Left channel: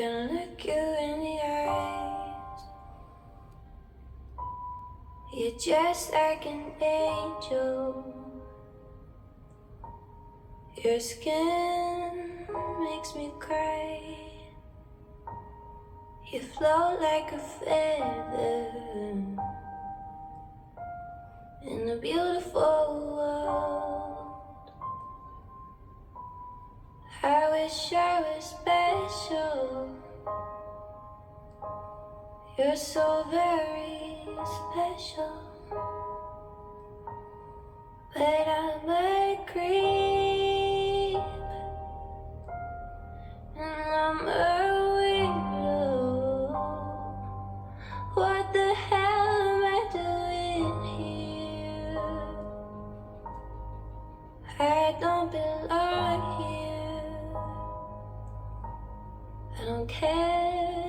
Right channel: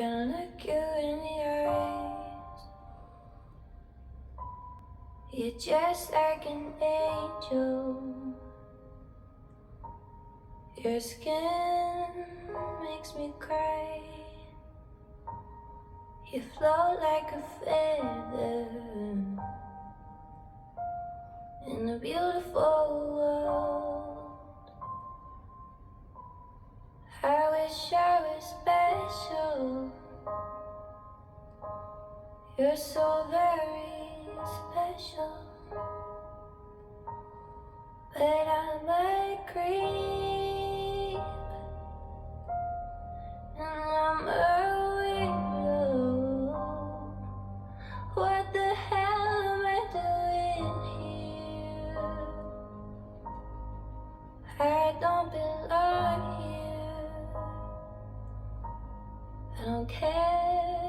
can look you in the eyes. You're just like an angel. Your skin makes me cry. You float like a feather in a beautiful world. I wish I was special. You're so very special. But I'm a creep, and I'm a weirdo. What the hell am I doing here? I don't belong here. I don't care.